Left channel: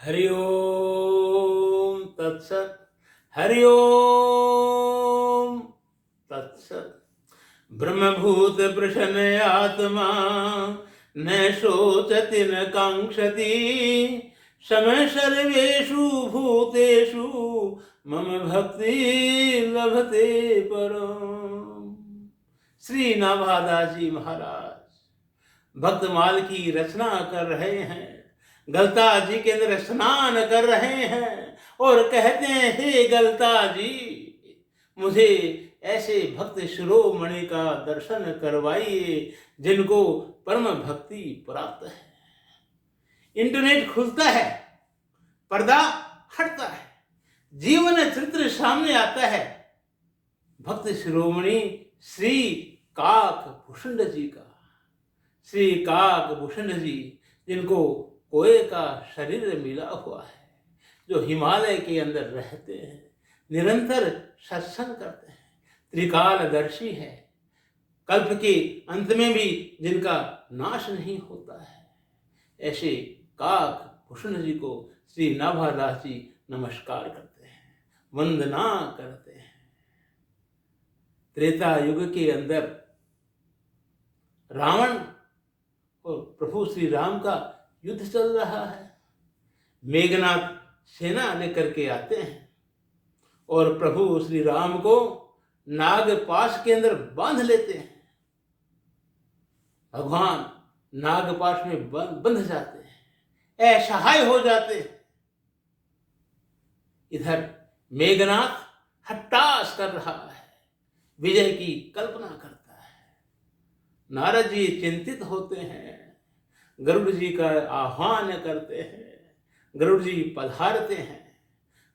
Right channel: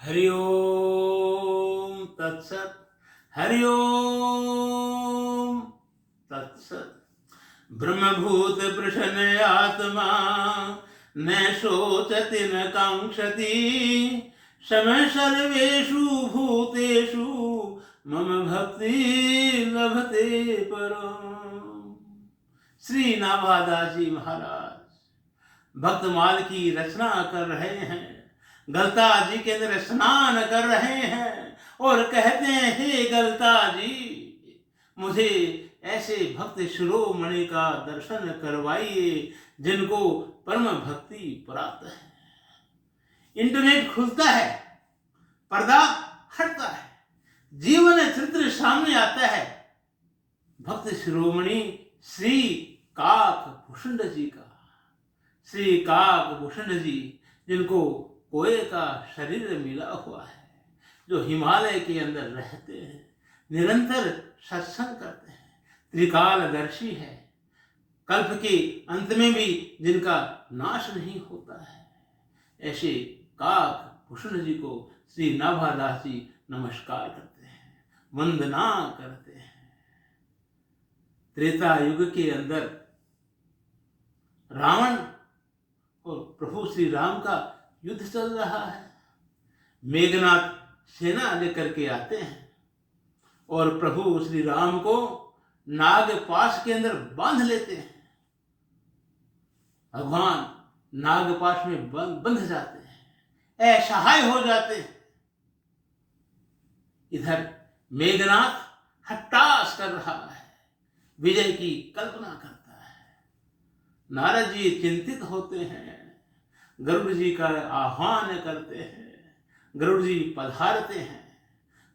हरि ओम तत्सत। हरि ओम तत्सत। ब्रह्मभूत प्रसन्न आत्मा न शोचति न कांक्षति समय सर्वेषु भूतेषु मम भक्ति लभते परम। श्री नाभादास जी महाराज भक्तमाल की रचना कर रहे हैं, गलता जी के अंदर स्नान कर रहे हैं और कहते हैं, हे गलता जी, मुझे ऐसे भक्त शिरोमणि का दर्शन करवाइए जिनको परम भक्ति प्राप्त है। इंटरनेट खुलता है, पर्दा हटता है, जीवन चरित्र सामने आता है भक्त शिरोमणि श्री काक भूषण जी का। श्री काक भूषण जी जिनको कोए का शरीर मिला हुआ है, जो हिमालय के अंदर रहते हैं, निरंतर सत्संग करते हैं, त्रिकालदर्शी है, कल्प के अंत में भी जिनका नाश नहीं होता है, ऐसे काक भूषण जी को श्री नाभादास जी नमस्कार करते हैं, वंदना करते हैं। त्रेता युग के अंदर रावण और प्रभु श्री राम का युद्ध चल रहा है। मेघनाथ सेना लेकर के आते हैं और प्रभु श्री राम को नागपाश के अंदर बांध लेते हैं। भगवान नागपाश में बंध जाते हैं, असहाय हो जाते हैं। इधर मेघनाथ हट्टास कर रहा है, विजय की कल्पना करता है। नारद जी चिंतित होते हैं, गरुड़ जी का आह्वान करते हैं, गरुड़ जी पधारते हैं।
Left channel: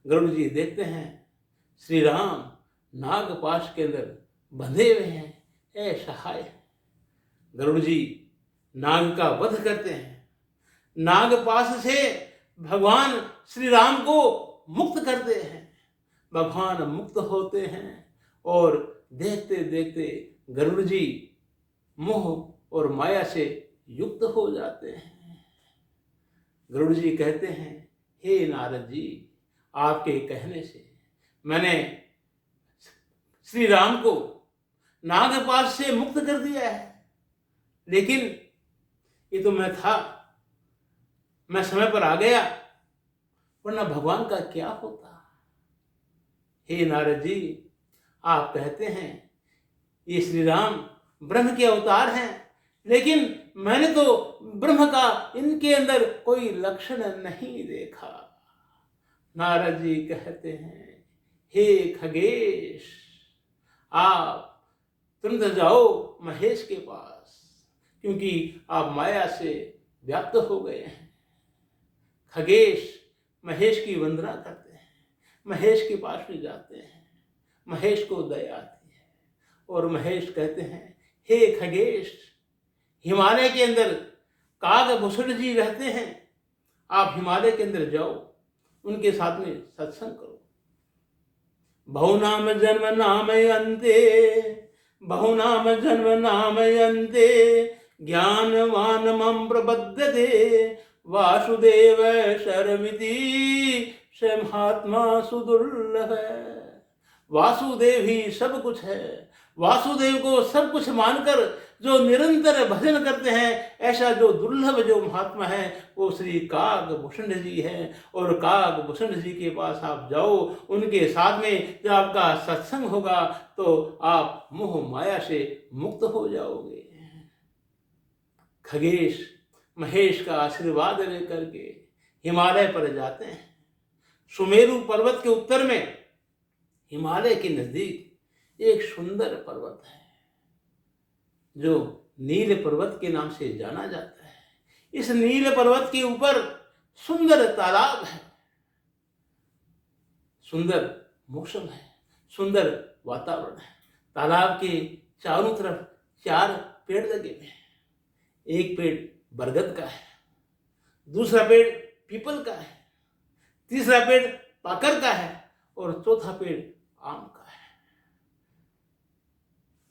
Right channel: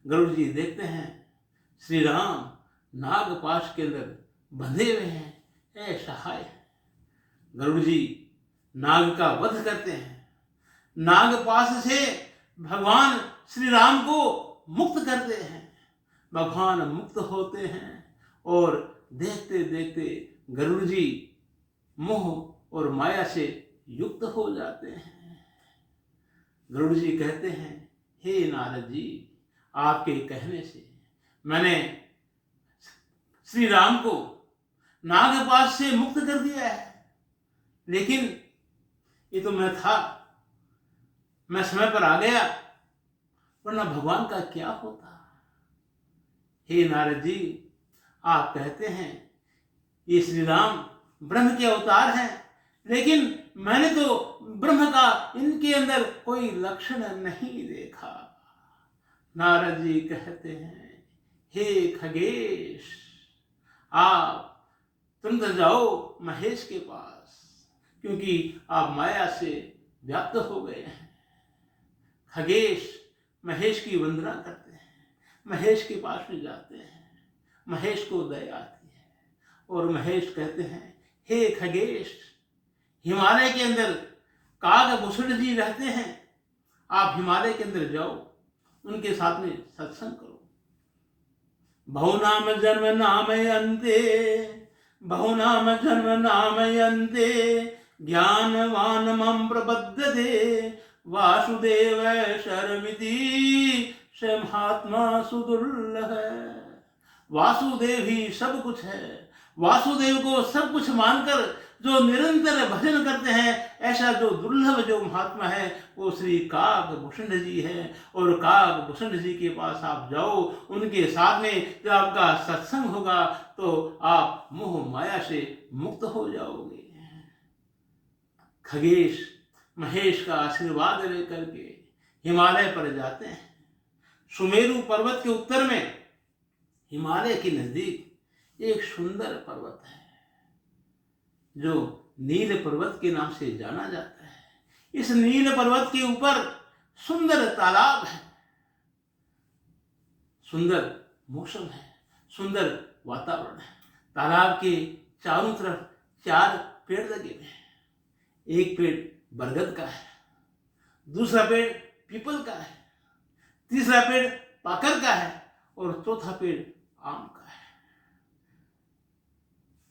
गरुड़ जी देखते हैं श्री राम नागपाश के अंदर बंधे हुए हैं, असहाय है। गरुड़ जी नाग का वध करते हैं, नागपाश से भगवान श्री राम को मुक्त करते हैं। भगवान मुक्त होते हैं और देखते देखते गरुड़ जी मोह और माया से युक्त हो जाते हैं। गरुड़ जी कहते हैं, हे नारद जी, आपके कहने से मैंने श्री राम को नागपाश से मुक्त कर दिया है, लेकिन ये तो मैं था, मैं समय पर आ गया, वरना भगवान का क्या होता। हे नारद जी, आप कहते हैं ये श्री राम ब्रह्म के अवतार हैं, लेकिन मैंने तो ब्रह्म का इनके अंदर कोई लक्षण नहीं देखा। नारद जी कहते हैं, हे खगेश, आप तुरंत जाओ महेश के पास, क्योंकि आप माया से व्याप्त हो गए हैं। खगेश महेश की वंदना करते हैं, महेश के पास में जाते हैं। महेश को दया आती है और महेश कहते हैं, हे खगेश, हिमालय के अंदर काक भूषण जी रहते हैं, आप हिमालय के अंदर जाओ, उनके साथ में सत्संग करो। बहुनाम जन्म नामयन्ते, बहुनाम जन्म नामयन्ते, ज्ञानवान मम प्रबध्यते, वासुदेव शरमिति स महात्मा सुदुर्लभ है। वासुदेव ही सब कुछ है, वासुदेव को सब कुछ मानकर जो निरंतर भजन करते हैं, ऐसा जो दुर्लभ जो महात्मा है वो श्री काक भूषण जी हैं। और काक भूषण जी के पास आप जाओ, उनके साथ में जब आपका सत्संग होगा तो आप मोह माया से मुक्त हो जाओगे। खगेश महेश का आशीर्वाद लेकर के हिमालय पर जाते हैं। सुमेरु पर्वत के उत्तर में हिमालय के नजदीक एक सुंदर पर्वत है जो नील पर्वत के नाम से जाना जाता है। इस नील पर्वत के ऊपर सुंदर तालाब है, सुंदर मौसम है, सुंदर वातावरण है। तालाब के चारों तरफ 4 पेड़ लगे हुए हैं। एक पेड़ बरगद का है, दूसरा पेड़ पीपल का है, तीसरा पेड़ पाकर का है और चौथा पेड़ आम का है।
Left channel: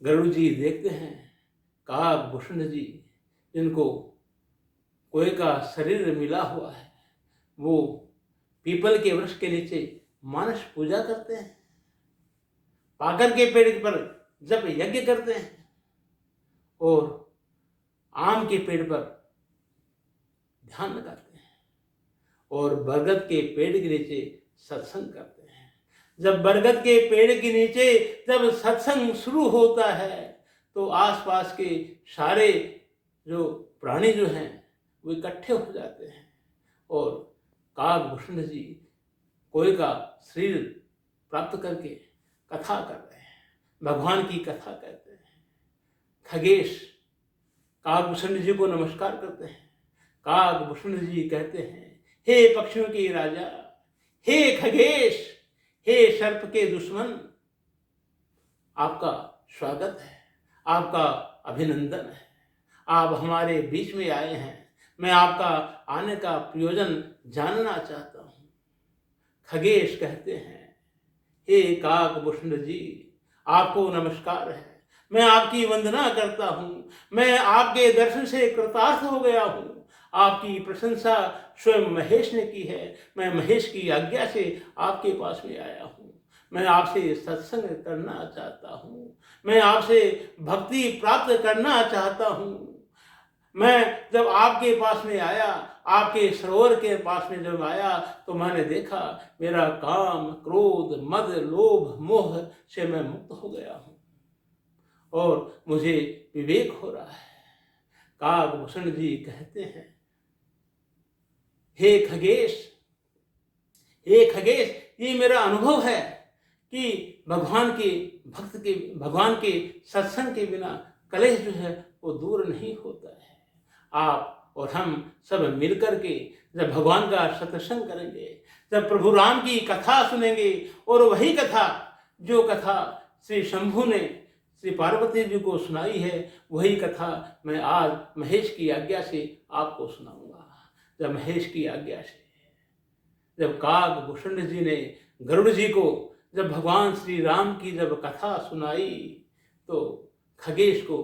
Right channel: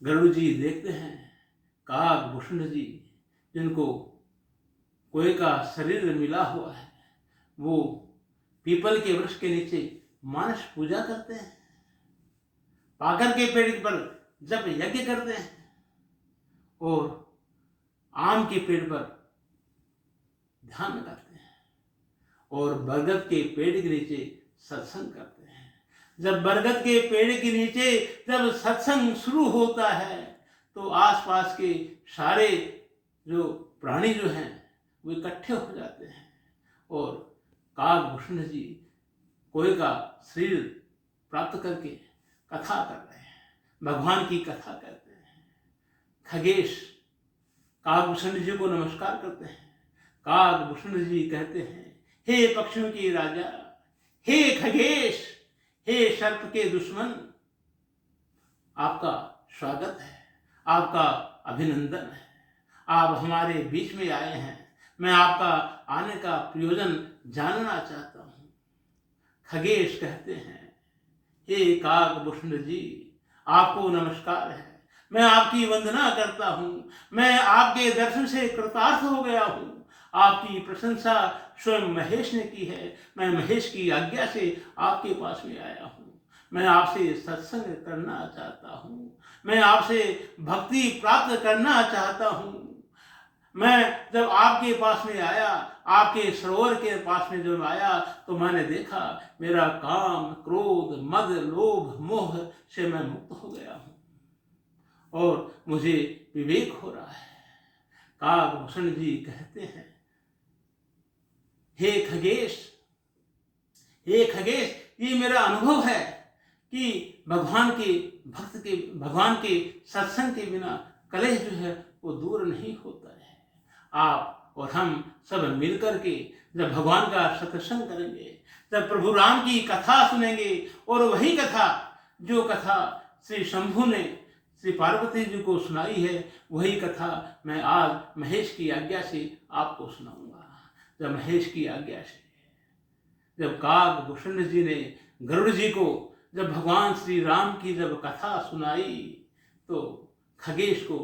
गरुड़ जी देखते हैं काक भूषण जी, जिनको कोए का शरीर मिला हुआ है, वो पीपल के वृक्ष के नीचे मानस पूजा करते हैं, पाकर के पेड़ पर जप यज्ञ करते हैं और आम के पेड़ पर ध्यान लगाते हैं और बरगद के पेड़ के नीचे सत्संग करते हैं। जब बरगद के पेड़ के नीचे जब सत्संग शुरू होता है तो आसपास के सारे जो प्राणी जो हैं वो इकट्ठे हो जाते हैं और काकभूषण जी कोई का शरीर प्राप्त करके कथा कर रहे हैं, भगवान की कथा करते हैं। खगेश काकभूषण जी को नमस्कार करते हैं। काकभूषण जी कहते हैं, हे पक्षियों के राजा, हे खगेश, हे सर्प के दुश्मन, आपका स्वागत है, आपका अभिनंदन है। आप हमारे बीच में आए हैं, मैं आपका आने का प्रयोजन जानना चाहता हूँ। खगेश कहते हैं, हे काकभूषण जी, आपको नमस्कार है, मैं आपकी वंदना करता हूँ, मैं आपके दर्शन से कृतार्थ हो गया हूँ। आपकी प्रशंसा स्वयं महेश ने की है, मैं महेश की आज्ञा से आपके पास में आया हूँ। मैं आपसे सत्संग करना चाहता हूँ, मैं आपसे भक्ति प्राप्त करना चाहता हूँ। मैं जब आपके पास में आया, आपके सरोवर के पास में जब आया तो मैंने देखा मेरा काम, क्रोध, मद, लोभ, मोह से मैं मुक्त हो गया हूँ और मुझे विवेक हो रहा है। काकभूषण जी कहते हैं, हे खगेश, हे खगेश, ये मेरा अनुभव है कि भगवान के सत्संग के बिना कलेश जो है वो दूर नहीं होता है। आप और हम सब मिलकर के जब भगवान का सत्संग करेंगे, जब प्रभु राम की कथा सुनेंगे और वही कथा जो कथा श्री शंभु ने श्री पार्वती जी को सुनाई है, वही कथा मैं आज महेश की आज्ञा से आपको सुनाऊंगा। जब महेश की आज्ञा से जब काकभूषण जी ने गरुड़ जी को जब भगवान श्री राम की जब कथा सुनाई तो खगेश को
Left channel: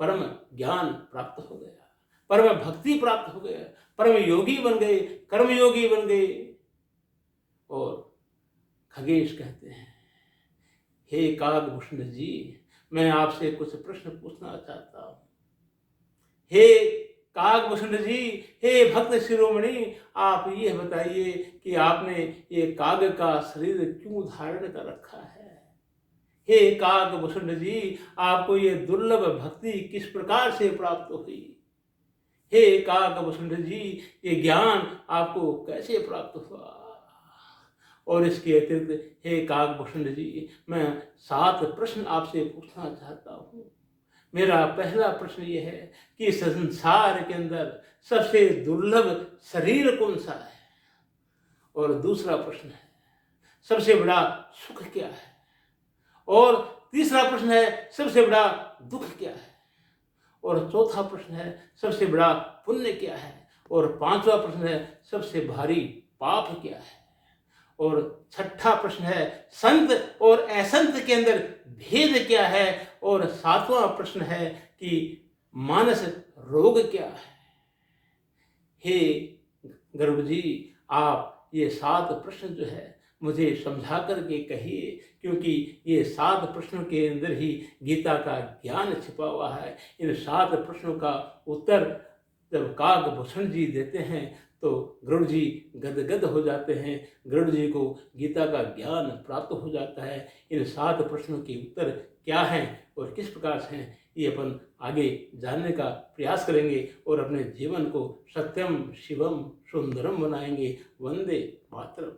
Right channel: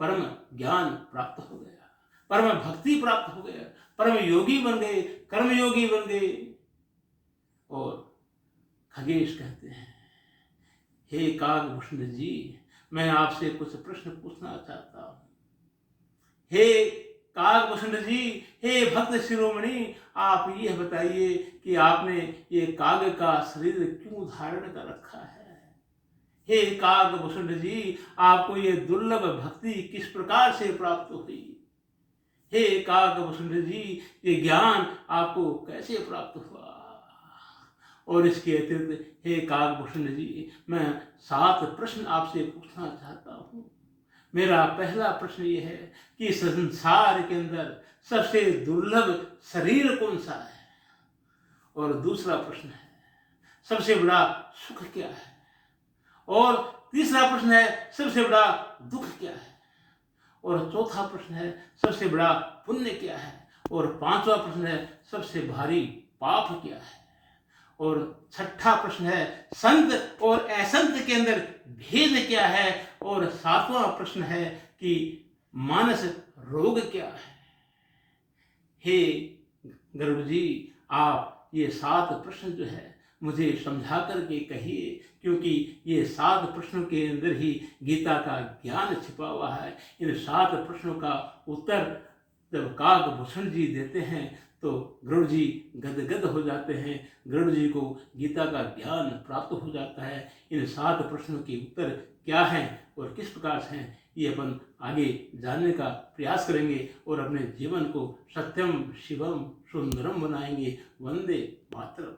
परम ज्ञान प्राप्त हो गया, परम भक्ति प्राप्त हो गया, परम योगी बन गए, कर्म योगी बन गए। और खगेश कहते हैं, हे काकभूषण जी, मैं आपसे कुछ प्रश्न पूछना चाहता हूँ। हे काकभूषण जी, हे भक्त शिरोमणि, आप ये बताइए कि आपने ये काग का शरीर क्यों धारण कर रखा है। हे काकभूषण जी, आपको ये दुर्लभ भक्ति किस प्रकार से प्राप्त हुई। हे काकभूषण जी, ये ज्ञान आपको कैसे प्राप्त हुआ। और इसके अतिरिक्त हे काकभूषण जी, मैं 7 प्रश्न आपसे पूछना चाहता हूँ। मेरा पहला प्रश्न ये है कि संसार के अंदर सबसे दुर्लभ शरीर कौन सा है। और दूसरा प्रश्न है, सबसे बड़ा सुख क्या है। और तीसरा प्रश्न है, सबसे बड़ा दुख क्या है। और चौथा प्रश्न है, सबसे बड़ा पुण्य क्या है। और 5वां प्रश्न है, सबसे भारी पाप क्या है। और 6ठा प्रश्न है, संत और असंत के अंदर भेद क्या है। और 7वां प्रश्न है कि मानस रोग क्या है। हे गरुड़ जी, आप ये 7 प्रश्न जो है मुझे समझा करके कहिए, क्योंकि ये 7 प्रश्नों के अंदर ही गीता का ज्ञान छिपा हुआ है। इन 7 प्रश्नों का उत्तर जब काकभूषण जी देते हैं तो गरुड़ जी गदगद हो जाते हैं। गरुड़ जी को गीता का ज्ञान प्राप्त हो जाता है। इन 7 प्रश्नों के उत्तर क्या हैं और किस प्रकार से हैं, ये अपन आगे जानने का प्रयास करेंगे और अपने जीवन को सत्यम शिवम सुंदरम बनाएंगे। वंदे मातरम।